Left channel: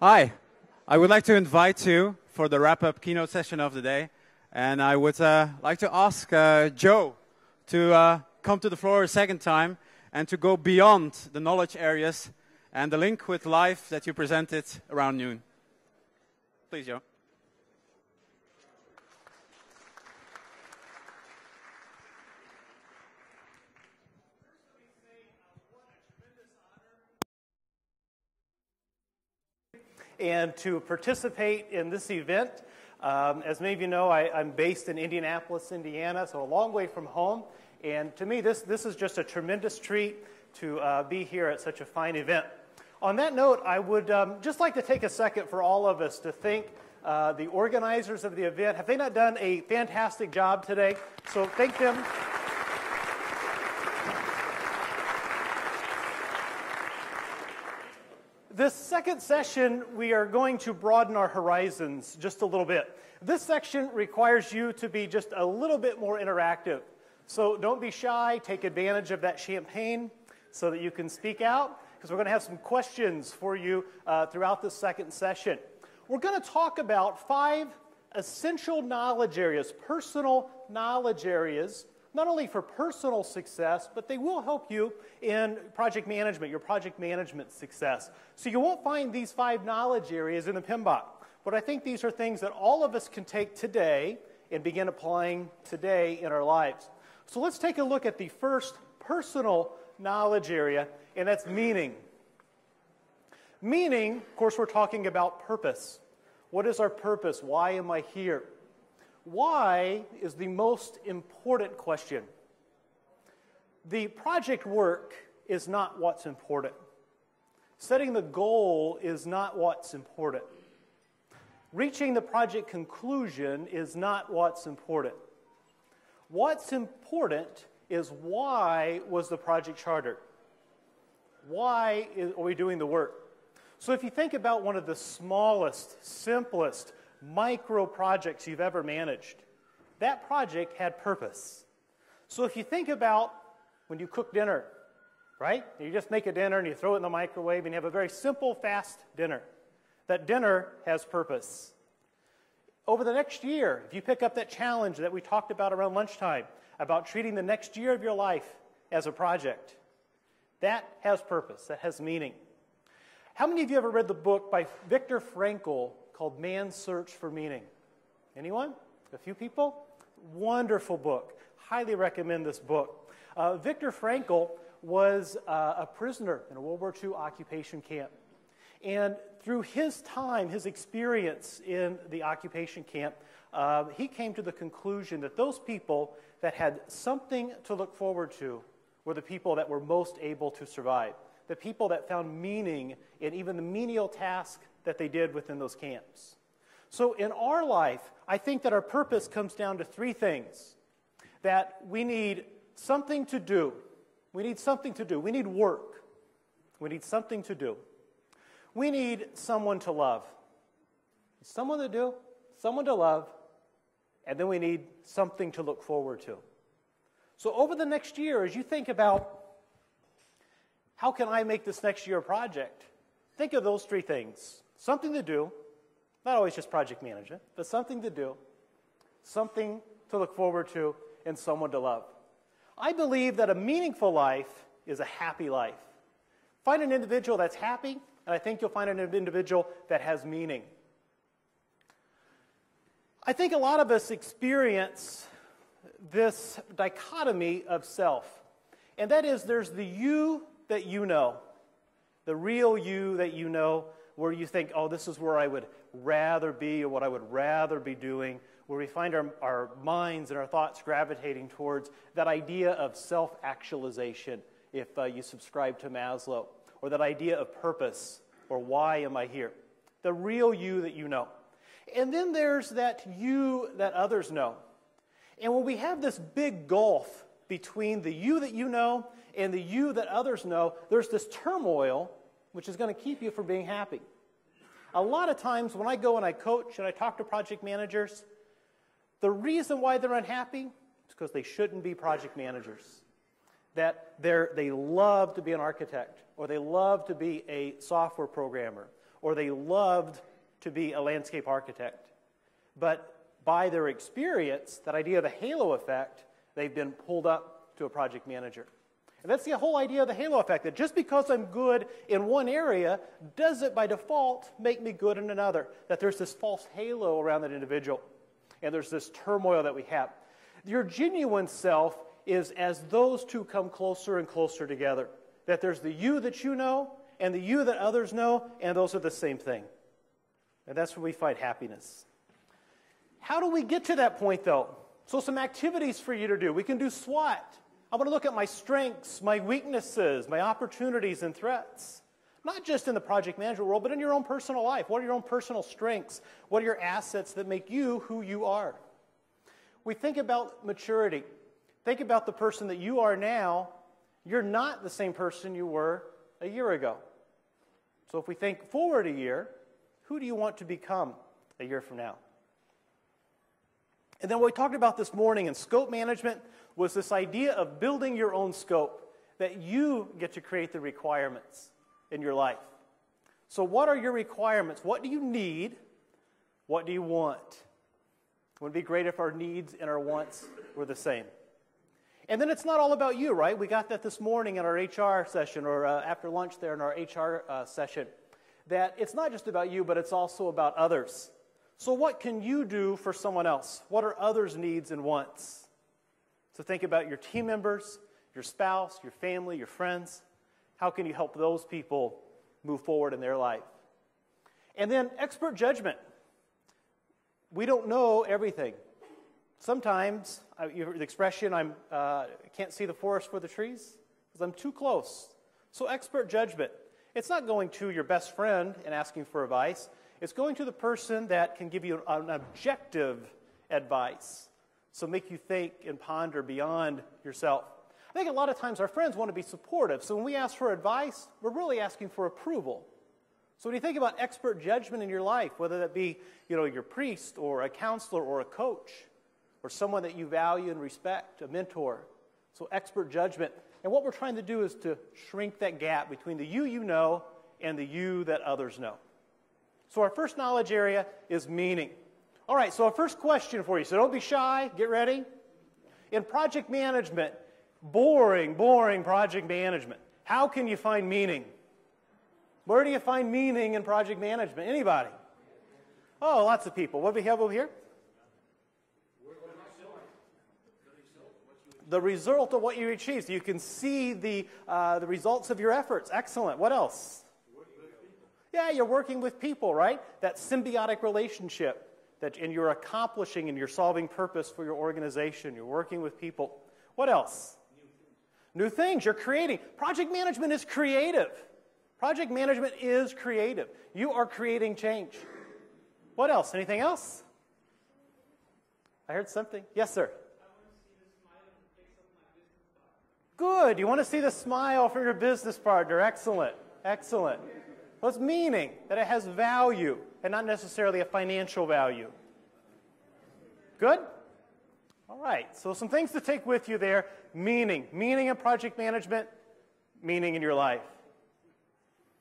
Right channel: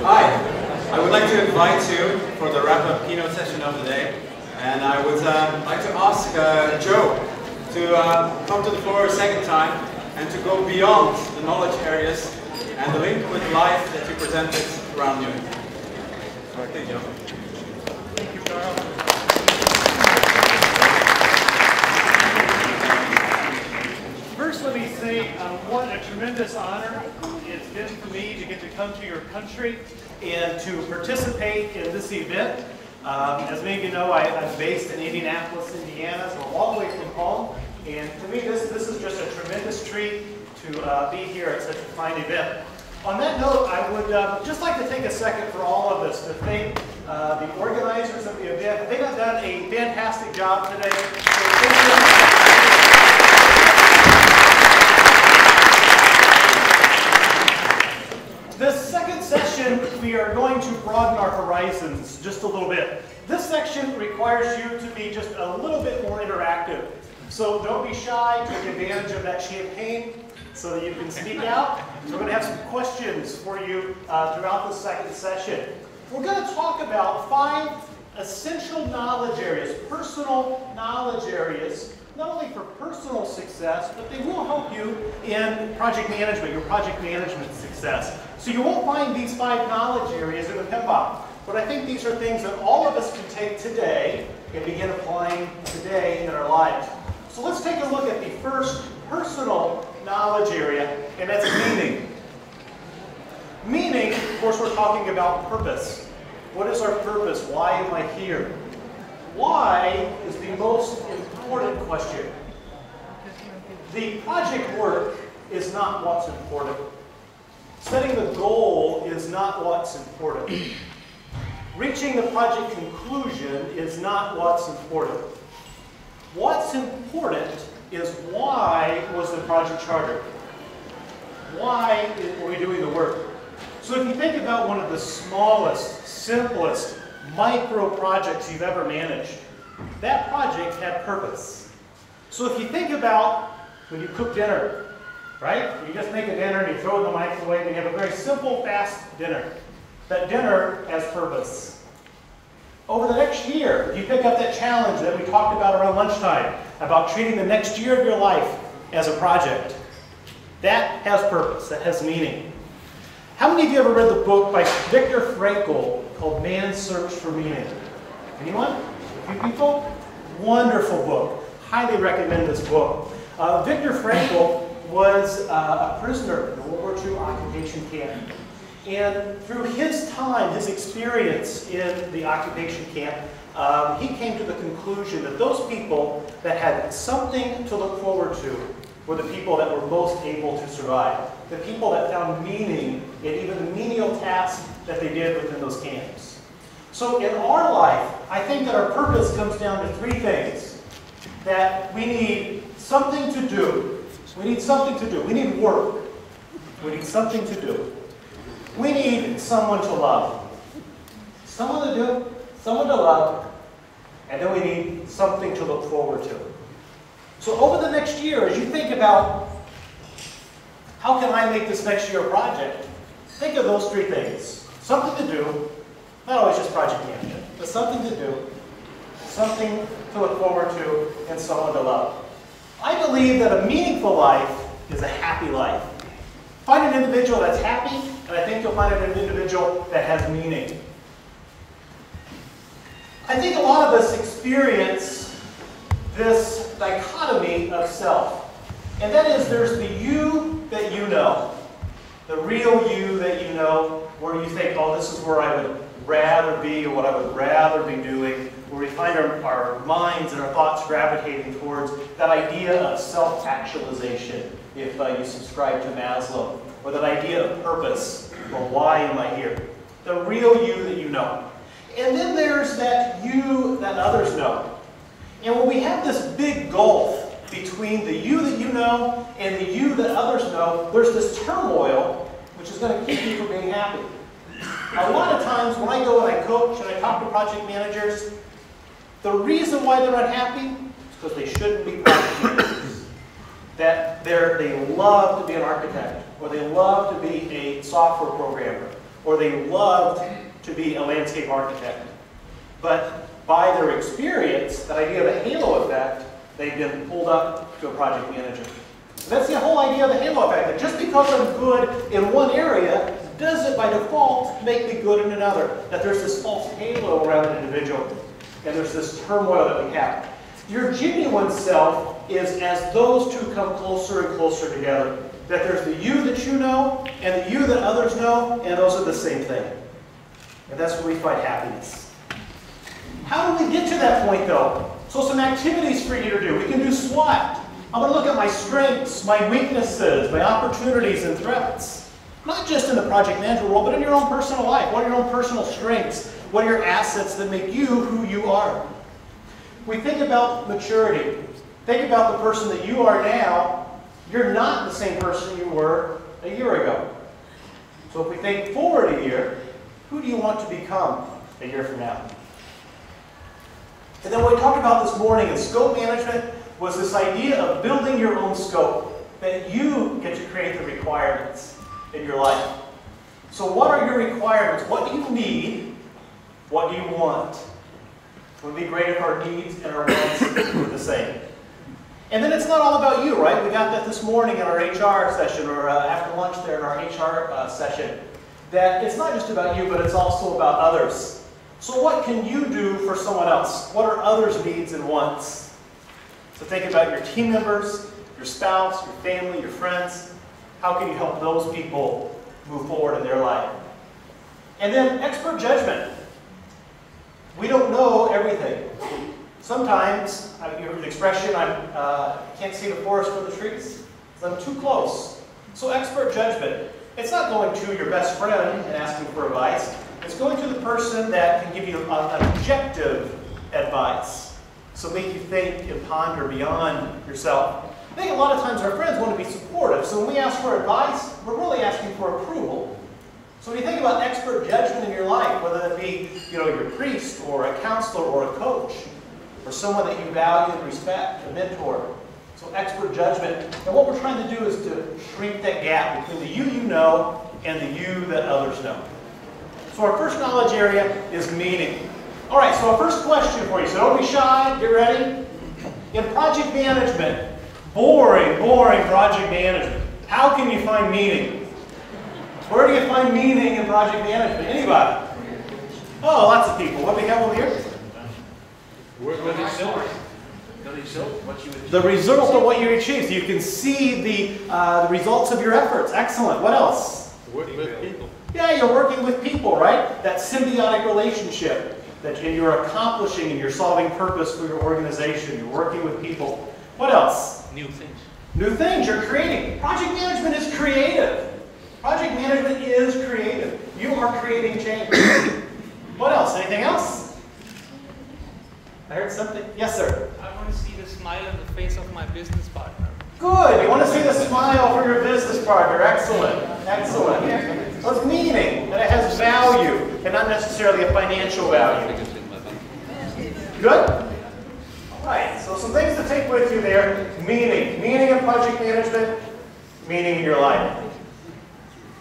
Hi, I would like to invite you for the wrap-up keynote session of the day, and I would like to ask Joe to come to the floor a second time and to go beyond the knowledge areas and the link with life that you presented around you. Please, Joe. Thank you, Carl. First, let me say what a tremendous honor it's been for me to get to come to your country and to participate in this event. As many of you know, I'm based in Indianapolis, Indiana, so a long way from home. And to me, this is just a tremendous treat to be here at such a fine event. On that note, I would just like to take a second for all of us to thank the organizers of the event. They have done a fantastic job today. So thank you. This second session, we are going to broaden our horizons just a little bit. This section requires you to be just a little bit more interactive. So don't be shy, take advantage of that champagne so that you can speak out. So we're going to have some questions for you throughout the second session. We're going to talk about 5 essential knowledge areas, personal knowledge areas, not only for personal success, but they will help you in project management, your project management success. So you won't find these 5 knowledge areas in a PMI, but I think these are things that all of us can take today and begin applying today in our lives. So let's take a look at the first personal knowledge area, and that's meaning. Meaning, of course, we're talking about purpose. What is our purpose? Why am I here? Why is the most important question. The project work is not what's important. Setting the goal is not what's important. Reaching the project conclusion is not what's important. What's important is why was the project chartered? Why are we doing the work? So if you think about one of the smallest, simplest micro projects you've ever managed, that project had purpose. So if you think about when you cook dinner, right? You just make a dinner and you throw it in the microwave and you have a very simple, fast dinner. That dinner has purpose. Over the next year, you pick up that challenge that we talked about around lunchtime, about treating the next year of your life as a project. That has purpose, that has meaning. How many of you ever read the book by Viktor Frankl called Man's Search for Meaning? Anyone? A few people? Wonderful book. Highly recommend this book. Viktor Frankl was a prisoner in a World War II occupation camp. And through his time, his experience in the occupation camp, he came to the conclusion that those people that had something to look forward to were the people that were most able to survive. The people that found meaning in even the menial tasks that they did within those camps. So in our life, I think that our purpose comes down to 3 things. That we need something to do. We need something to do. We need work. We need something to do. We need someone to love. Someone to do, someone to love, and then we need something to look forward to. So over the next year, as you think about how can I make this next year a project, think of those 3 things. Something to do, not always just project management, but something to do, something to look forward to, and someone to love. I believe that a meaningful life is a happy life. Find an individual that's happy, and I think you'll find an individual that has meaning. I think a lot of us experience this dichotomy of self. And that is, there's the you that you know. The real you that you know, where you think, oh, this is where I would rather be, or what I would rather be doing, where we find our minds and our thoughts gravitating towards that idea of self-actualization, if you subscribe to Maslow, or that idea of purpose, or why am I here? The real you that you know. And then there's that you that others know. And when we have this big gulf between the you that you know and the you that others know, there's this turmoil which is going to keep you from being happy. A lot of times when I go and I coach and I talk to project managers, the reason why they're unhappy is because they shouldn't be project managers. That they love to be an architect, or they love to be a software programmer, or they loved to be a landscape architect. But by their experience, that idea of the halo effect, they've been pulled up to a project manager. And that's the whole idea of the halo effect, that just because I'm good in one area, doesn't by default make me good in another. That there's this false halo around an individual, and there's this turmoil that we have. Your genuine self is as those two come closer and closer together. That there's the you that you know, and the you that others know, and those are the same thing. And that's where we find happiness. How do we get to that point, though? So some activities for you to do. We can do SWOT. I'm going to look at my strengths, my weaknesses, my opportunities and threats. Not just in the project management world, but in your own personal life. What are your own personal strengths? What are your assets that make you who you are? We think about maturity. Think about the person that you are now. You're not the same person you were a year ago. So if we think forward a year, who do you want to become a year from now? And then what we talked about this morning in scope management was this idea of building your own scope, that you get to create the requirements in your life. So what are your requirements? What do you need? What do you want? It would be great if our needs and our wants were the same. And then it's not all about you, right? We got that this morning in our HR session, or after lunch there in our HR session, that it's not just about you, but it's also about others. So what can you do for someone else? What are others' needs and wants? So think about your team members, your spouse, your family, your friends. How can you help those people move forward in their life? And then expert judgment. We don't know everything. Sometimes, the expression, I can't see the forest for the trees, because I'm too close. So expert judgment. It's not going to your best friend and asking for advice. It's going to the person that can give you objective advice. So make you think and ponder beyond yourself. I think a lot of times our friends want to be supportive. So when we ask for advice, we're really asking for approval. So when you think about expert judgment in your life, whether that be your priest or a counselor or a coach, or someone that you value and respect, a mentor. So expert judgment. And what we're trying to do is to shrink that gap between the you know and the you that others know. So our first knowledge area is meaning. All right, so our first question for you. So don't be shy. Get ready. In project management, boring project management. How can you find meaning? Where do you find meaning in project management? Anybody? Oh, lots of people. What do we have over here? The result of what you achieved. You can see the results of your efforts. Excellent. What else? Working with people. Yeah, you're working with people, right? That symbiotic relationship that you're accomplishing and you're solving purpose for your organization. You're working with people. What else? New things. New things you're creating. Project management is creative. Project management is creative. You are creating change. What else? Anything else? I heard something. Yes, sir. I want to see the smile on the face of my business partner. Good. You want to see the smile for your business partner. Excellent. Excellent. So it's meaning, and it has value, and not necessarily a financial value. Good? All right. So some things to take with you there. Meaning. Meaning in project management. Meaning in your life.